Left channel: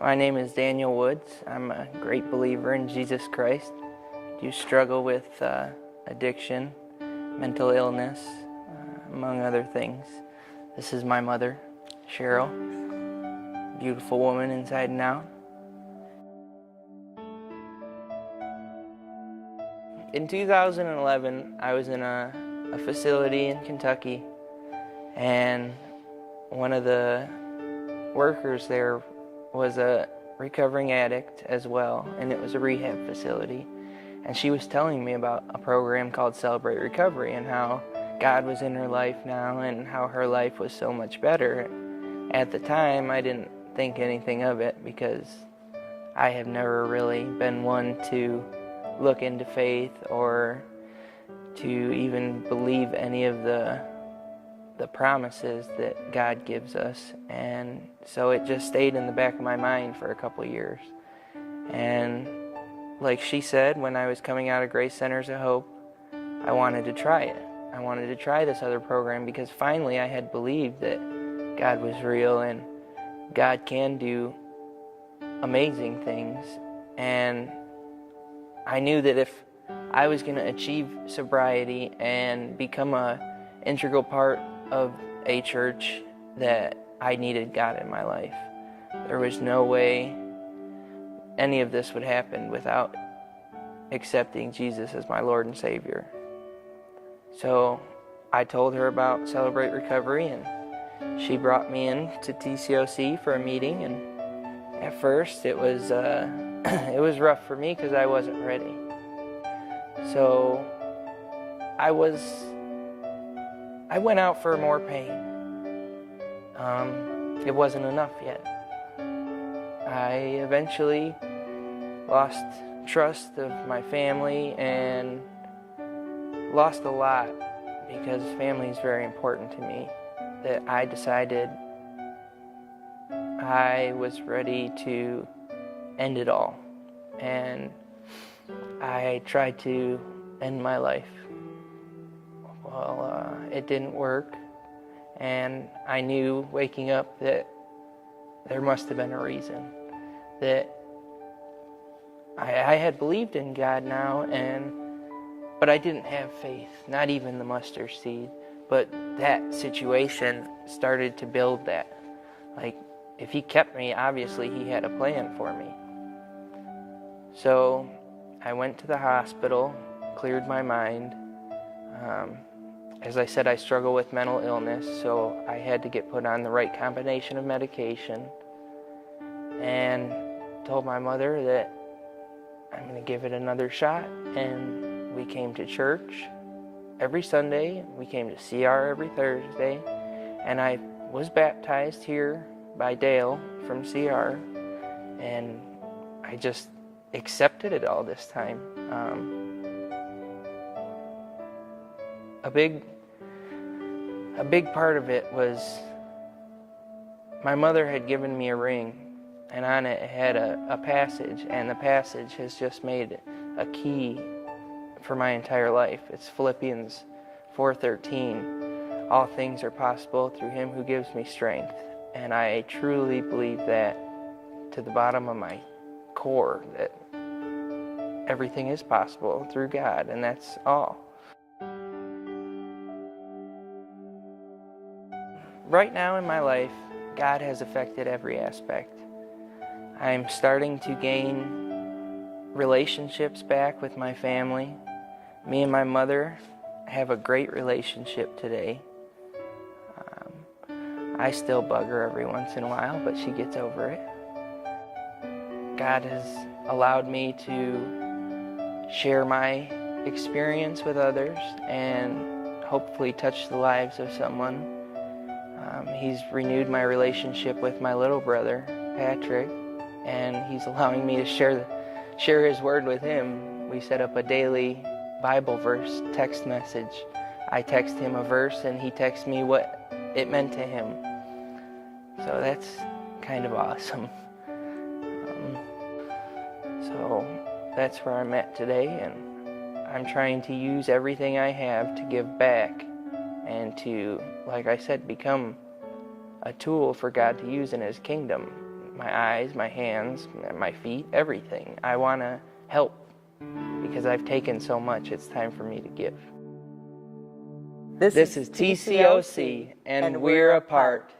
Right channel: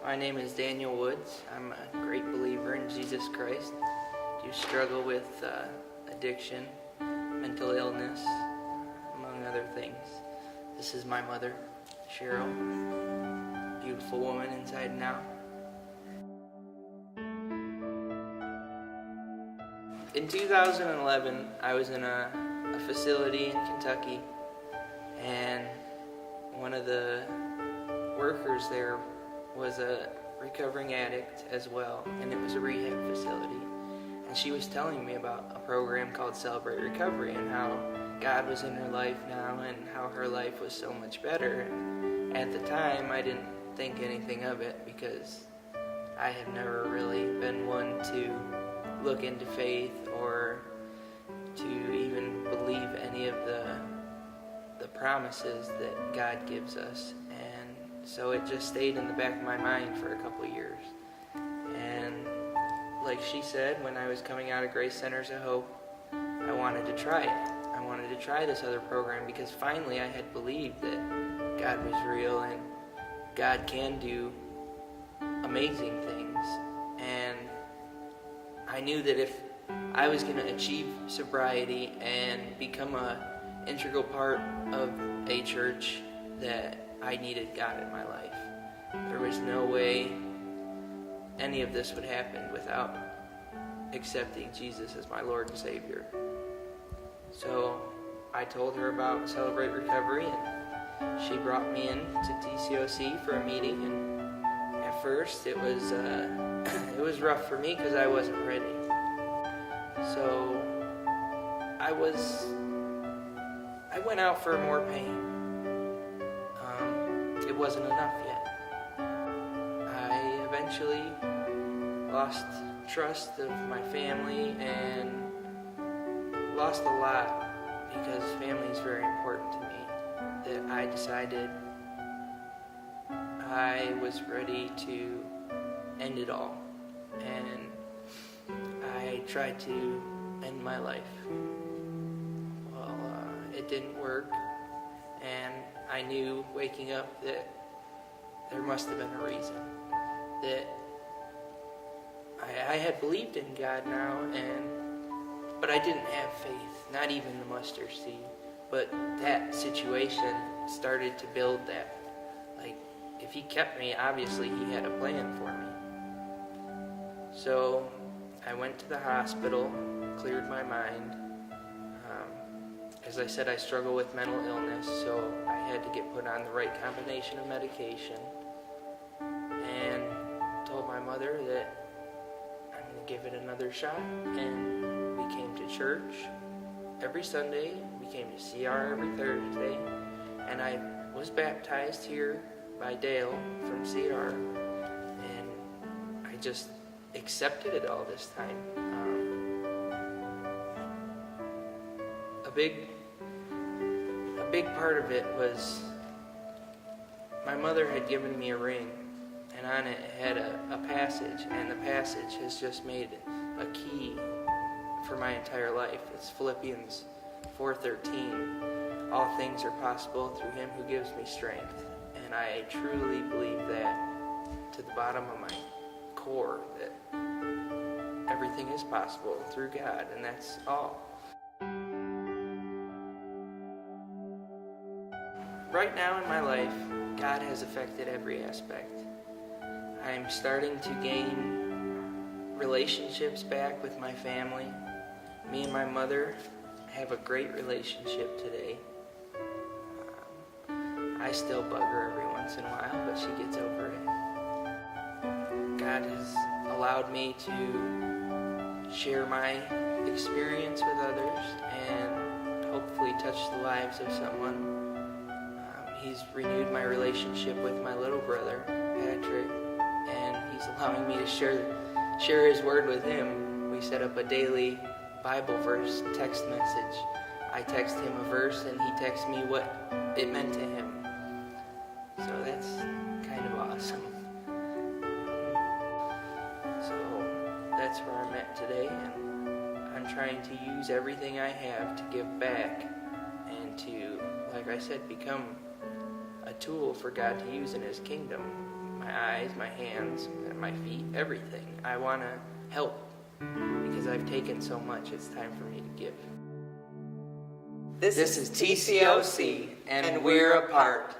My name is Daniel Woods. I'm a great believer in Jesus Christ. I do struggle with addiction, mental illness, among other things. This is my mother, Cheryl, beautiful woman inside and out. In 2011, I was in a facility in Kentucky, and one of the workers there was a recovering addict as well, and it was a rehab facility. And she was telling me about a program called Celebrate Recovery and how God was in her life now and how her life was so much better. At the time, I didn't think anything of it because I had never really been one to look into faith or to even believe any of the promises that God gives us. And so it just stayed in the back of my mind for a couple years. And like she said, when I was coming out of Grace Centers of Hope, I wanted to try it. I wanted to try this other program because finally I had believed that God was real and God can do amazing things. And I knew that if I was going to achieve sobriety and become an integral part of a church, that I needed God in my life. There was no way any of this would happen without accepting Jesus as my Lord and Savior. So I told her about Celebrate Recovery, and she brought me in to TCOC for a meeting. And at first it was it was rough for me because I wasn't ready. So I went out for more pain. It wasn't enough yet. I eventually lost trust of my family and lost a lot because family is very important to me. That I decided I was ready to end it all. And I tried to end my life. Well, it didn't work. And I knew waking up that there must have been a reason. That I had believed in God now, but I didn't have faith, not even the mustard seed. But that situation started to build that. Like, if He kept me, obviously He had a plan for me. So I went to the hospital, cleared my mind. As I said, I struggle with mental illness, so I had to get put on the right combination of medication, and told my mother that I'm going to give it another shot. And we came to church every Sunday. We came to CR every Thursday, and I was baptized here by Dale from CR, and I just accepted it all this time. A big part of it was my mother had given me a ring, and on it had a passage, and the passage has just made a key for my entire life. It's Philippians 4:13. All things are possible through Him who gives me strength. And I truly believe that to the bottom of my core, that everything is possible through God, and that's all. Right now in my life, God has affected every aspect. I am starting to gain relationships back with my family. Me and my mother have a great relationship today. I still bug her every once in a while, but she gets over it. God has allowed me to share my experience with others and hopefully touch the lives of someone. He's renewed my relationship with my little brother, Patrick, and He's allowing me to share His word with him. We set up a daily Bible verse text message. I text him a verse, and he texts me what it meant to him. So that's kind of awesome. So that's where I'm at today, and I'm trying to use everything I have to give back and to, like I said, become a tool for God to use in His kingdom. my eyes, my hands, my feet, everything. I want to help because I've taken so much. It's time for me to give. This is TCOC, and we're apart.